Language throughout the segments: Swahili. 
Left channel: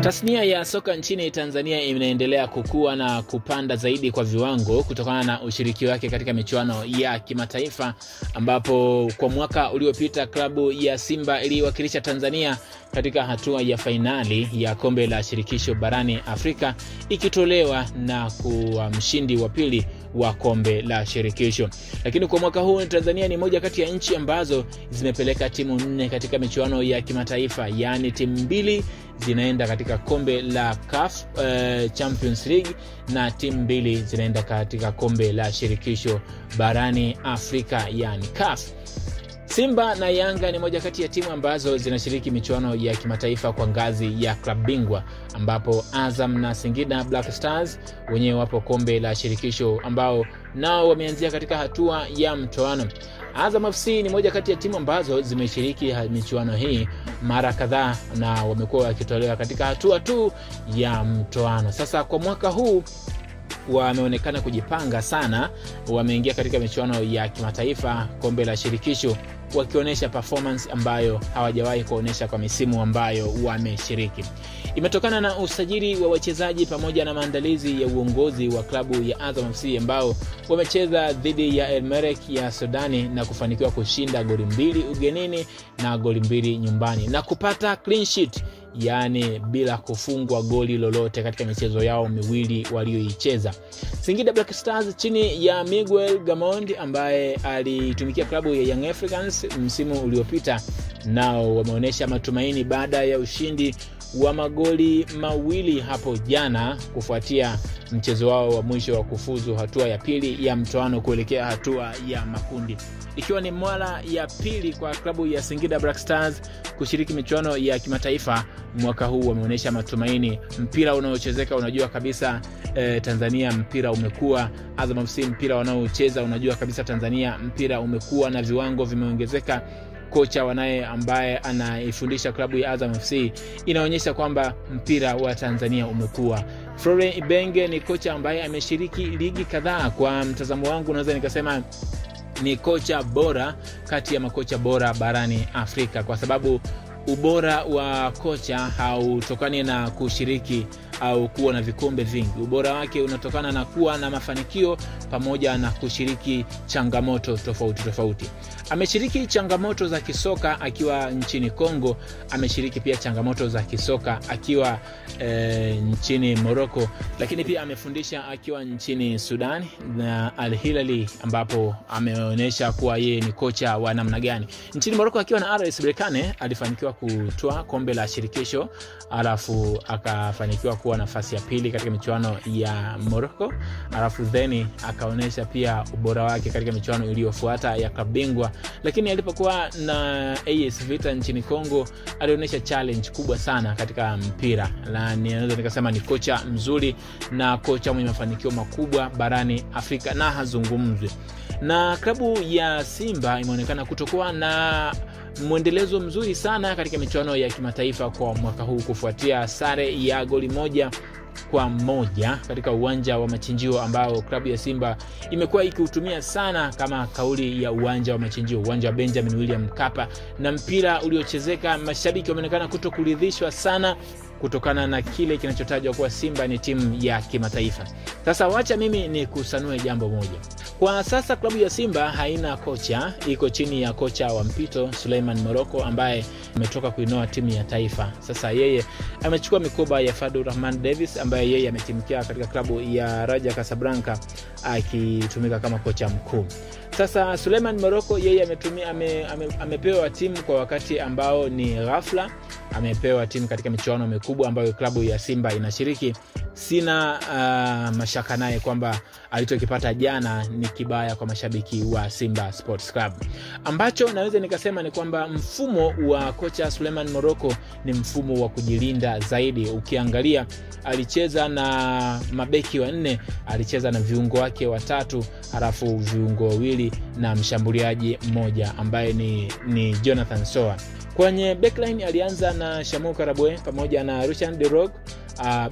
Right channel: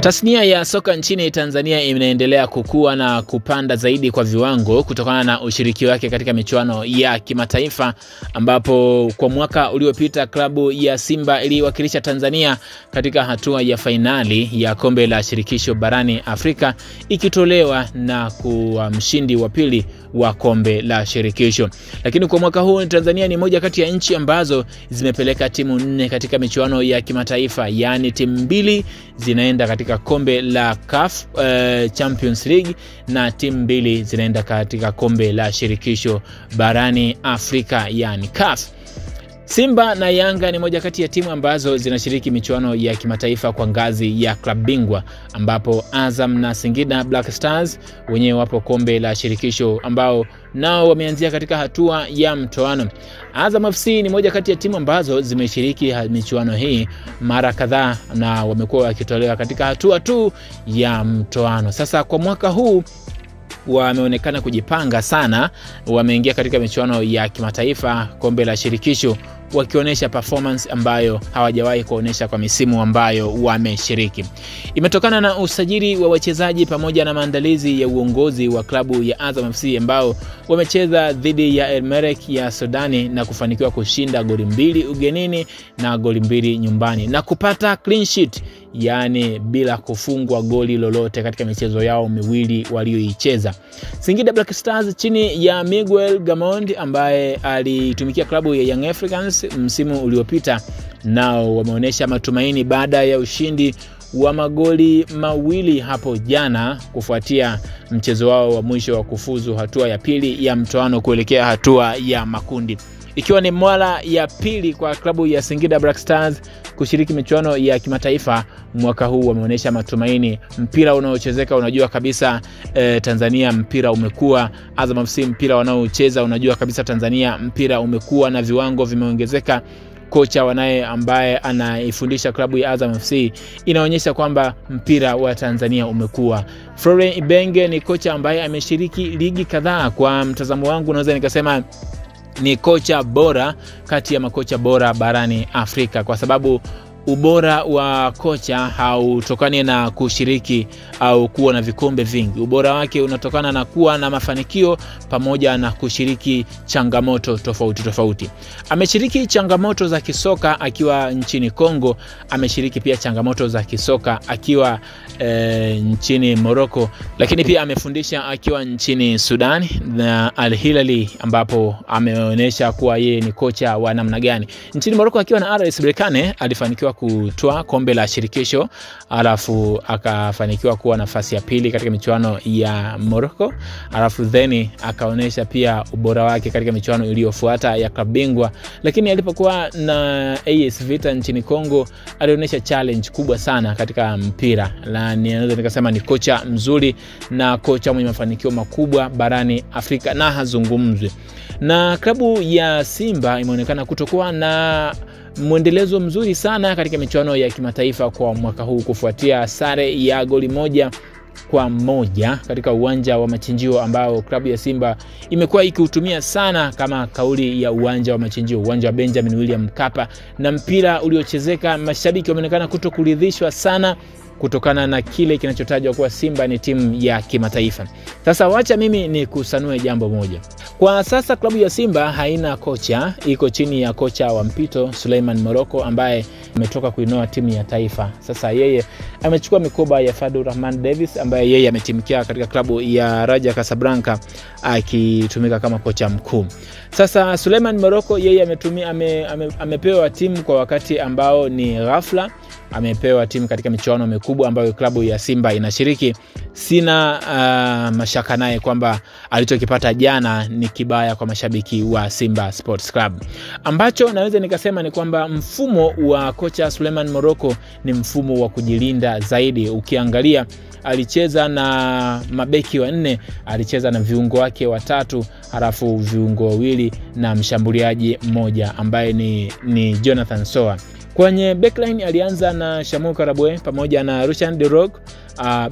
Tasnia ya soka nchini Tanzania inaendelea kukua na kupanda zaidi kwa viwango kutokana na ushiriki wake katika michuano ya kimataifa, ambapo kwa mwaka uliopita klabu ya Simba iliwakilisha Tanzania katika hatua ya fainali ya kombe la shirikisho barani Afrika, ikitolewa na kuwa mshindi wa pili wa kombe la shirikisho. Lakini kwa mwaka huu Tanzania ni moja kati ya nchi ambazo zimepeleka timu 4 katika michuano ya kimataifa, yani timu 2 zinaenda katika kombe la CAF Champions League na timu 2 zinaenda katika kombe la shirikisho barani Afrika, yani CAF. Simba na Yanga ni moja kati ya timu ambazo zinashiriki michuano ya kimataifa kwa ngazi ya klabu bingwa, ambapo Azam na Singida Black Stars wenyewe wapo kombe la shirikisho, ambao nao wameanzia katika hatua ya mtoano. Azam FC ni moja kati ya timu ambazo zimeshiriki michuano hii mara kadhaa na wamekuwa wakitolewa katika hatua tu ya mtoano. Sasa kwa mwaka huu wameonekana kujipanga sana, wameingia katika michuano ya kimataifa kombe la shirikisho wakionyesha performance ambayo hawajawahi kuonesha kwa misimu ambayo wameshiriki. Imetokana na usajili wa wachezaji pamoja na maandalizi ya uongozi wa klabu ya Azam FC ambao wamecheza dhidi ya El Merreikh ya Sudani na kufanikiwa kushinda goli 2 ugenini na goli 2 nyumbani na kupata clean sheet, yani bila kufungwa goli lolote katika michezo yao miwili walioicheza. Singida Black Stars chini ya Miguel Gamond ambaye alitumikia klabu ya Young Africans msimu uliopita, nao wameonyesha matumaini baada ya ushindi wa magoli 2 hapo jana kufuatia mchezo wao wa mwisho wa kufuzu hatua ya pili ya mtoano kuelekea hatua ya makundi. Ikiwa ni mara ya pili kwa klabu ya Singida Black Stars kushiriki michuano ya kimataifa mwaka huu, wameonyesha matumaini. Mpira unaochezeka, unajua kabisa Tanzania mpira umekuwa, Azam FC mpira wanaocheza unajua kabisa Tanzania mpira umekuwa na viwango vimeongezeka. Kocha wanaye ambaye anaifundisha klabu ya Azam FC inaonyesha kwamba mpira wa Tanzania umekuwa. Florent Ibenge ni kocha ambaye ameshiriki ligi kadhaa. Kwa mtazamo wangu naweza nikasema ni kocha bora kati ya makocha bora barani Afrika, kwa sababu ubora wa kocha hautokani na kushiriki au kuwa na vikombe vingi. Ubora wake unatokana na kuwa na mafanikio pamoja na kushiriki changamoto tofauti tofauti. Ameshiriki changamoto za kisoka akiwa nchini Kongo, ameshiriki pia changamoto za kisoka akiwa nchini Morocco, lakini pia amefundisha akiwa nchini Sudan na Al Hilali, ambapo ameonyesha kuwa yeye ni kocha wa namna gani. Nchini Morocco akiwa na RS Berkane alifanikiwa kutoa kombe la shirikisho, alafu akafanikiwa kuwa nafasi ya pili katika michuano ya Morocco, alafu then akaonesha pia ubora wake katika michuano iliyofuata ya klabu bingwa. Lakini alipokuwa na AS Vita nchini Kongo alionyesha challenge kubwa sana katika mpira, na ninaweza nikasema ni kocha mzuri na kocha mwenye mafanikio makubwa barani Afrika na hazungumzwi. Na klabu ya Simba imeonekana kutokuwa na mwendelezo mzuri sana katika michuano ya kimataifa kwa mwaka huu kufuatia sare ya goli 1-1 katika uwanja wa Machinjio, ambao klabu ya Simba imekuwa ikiutumia sana kama kauli ya uwanja wa Machinjio, uwanja wa Benjamin William Mkapa. Na mpira uliochezeka, mashabiki wameonekana kutokuridhishwa sana kutokana na kile kinachotajwa kuwa Simba ni timu ya kimataifa. Sasa wacha mimi ni kusanue jambo moja. Kwa sasa klabu ya Simba haina kocha, iko chini ya kocha wa mpito Suleiman Morocco ambaye ametoka kuinoa timu ya taifa. Sasa yeye amechukua mikoba ya Fadlu Rahman Davis ambaye yeye ametimikia katika klabu ya Raja Casablanca akitumika kama kocha mkuu. Sasa Suleiman Morocco yeye amepewa timu kwa wakati ambao ni ghafla, amepewa timu katika michuano mikubwa ambayo klabu ya Simba inashiriki. Sina mashaka naye kwamba alichokipata jana ni kibaya kwa mashabiki wa Simba Sports Club. Ambacho naweza nikasema ni kwamba mfumo wa kocha Suleiman Morocco ni mfumo wa kujilinda zaidi. Ukiangalia alicheza na mabeki 4, alicheza na viungo wake 3, halafu viungo 2 na mshambuliaji 1 ambaye ni Jonathan Soa. Kwenye backline alianza na Shamu Karabwe pamoja na Rushan De Rog.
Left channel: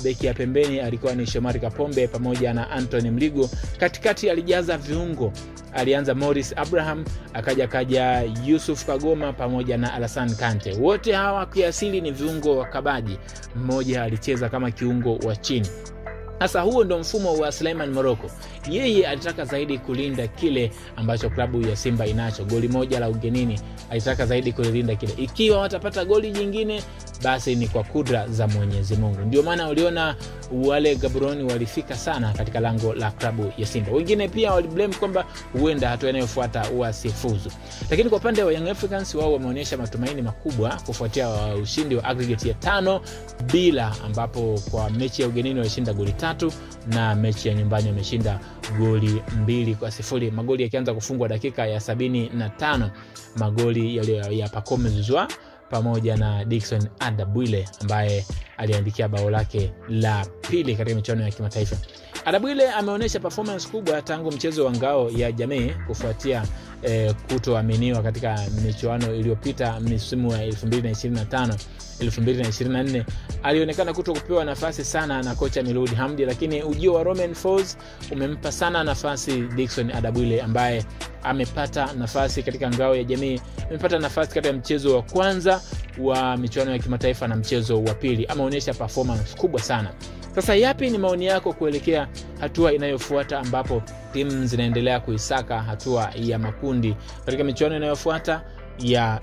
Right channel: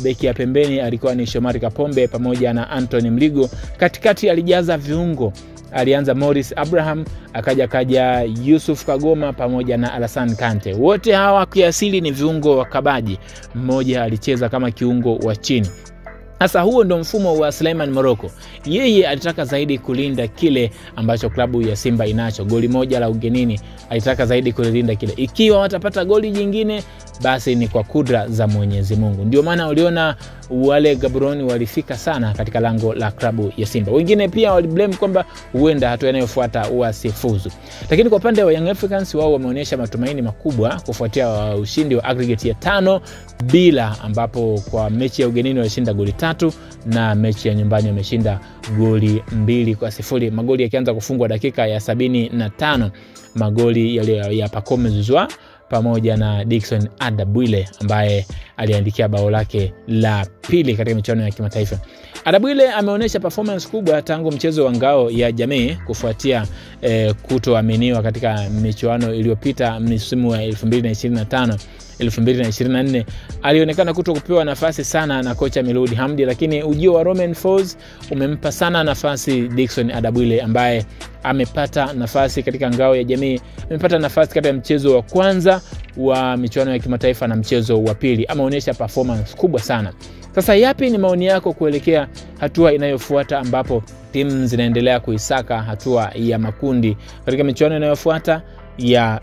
Beki ya pembeni alikuwa ni Shomari Kapombe pamoja na Anthony Mligo. Katikati alijaza viungo alianza Morris Abraham, akaja Yusuf Kagoma pamoja na Alassane Kante. Wote hawa kiasili ni viungo wakabaji. Mmoja alicheza kama kiungo wa chini. Sasa huo ndo mfumo wa Suleiman Morocco. Yeye alitaka zaidi kulinda kile ambacho klabu ya Simba inacho. Goli moja la ugenini, alitaka zaidi kulinda kile. Ikiwa watapata goli jingine, basi ni kwa kudra za Mwenyezi Mungu. Ndio maana uliona wale Gaborone walifika sana katika lango la klabu ya Simba. Wengine pia waliblame kwamba huenda hatua inayofuata wasifuzu. Lakini kwa upande wa Young Africans, wao wameonyesha matumaini makubwa kufuatia ushindi wa aggregate ya 5-0, ambapo kwa mechi ya ugenini walishinda goli 3 na mechi ya nyumbani wameshinda goli 2-0. Magoli yakianza kufungwa dakika ya 75, magoli yale ya Pacome Zouzoua pamoja na Dickson Adabwile ambaye aliandikia bao lake la pili katika michuano ya kimataifa. Adabwile ameonyesha performance kubwa tangu mchezo wa ngao ya jamii kufuatia kutoaminiwa katika michuano iliyopita msimu wa 2025-2024. Alionekana kutokupewa nafasi sana na kocha Miloud Hamdi, lakini ujio wa Romain Folz umempa sana nafasi Dickson Adabwile ambaye amepata nafasi katika ngao ya jamii, amepata nafasi katika mchezo wa kwanza wa michuano ya kimataifa na mchezo wa pili. Ameonyesha performance kubwa sana. Sasa yapi ni maoni yako kuelekea hatua inayofuata ambapo timu zinaendelea kuisaka hatua ya makundi katika michuano inayofuata ya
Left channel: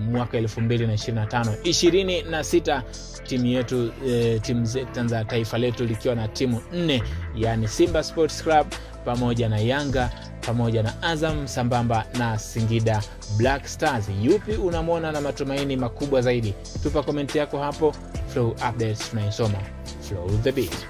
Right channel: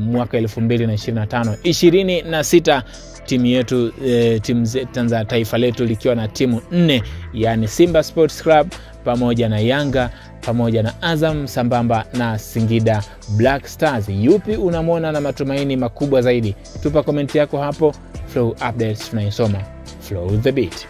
mwaka 2025-26? Timu yetu timu za taifa letu likiwa na timu 4, yani Simba Sports Club pamoja na Yanga pamoja na Azam sambamba na Singida Black Stars. Yupi unamwona na matumaini makubwa zaidi? Tupa komenti yako hapo. Flow Updates tunaisoma. Flow the beat.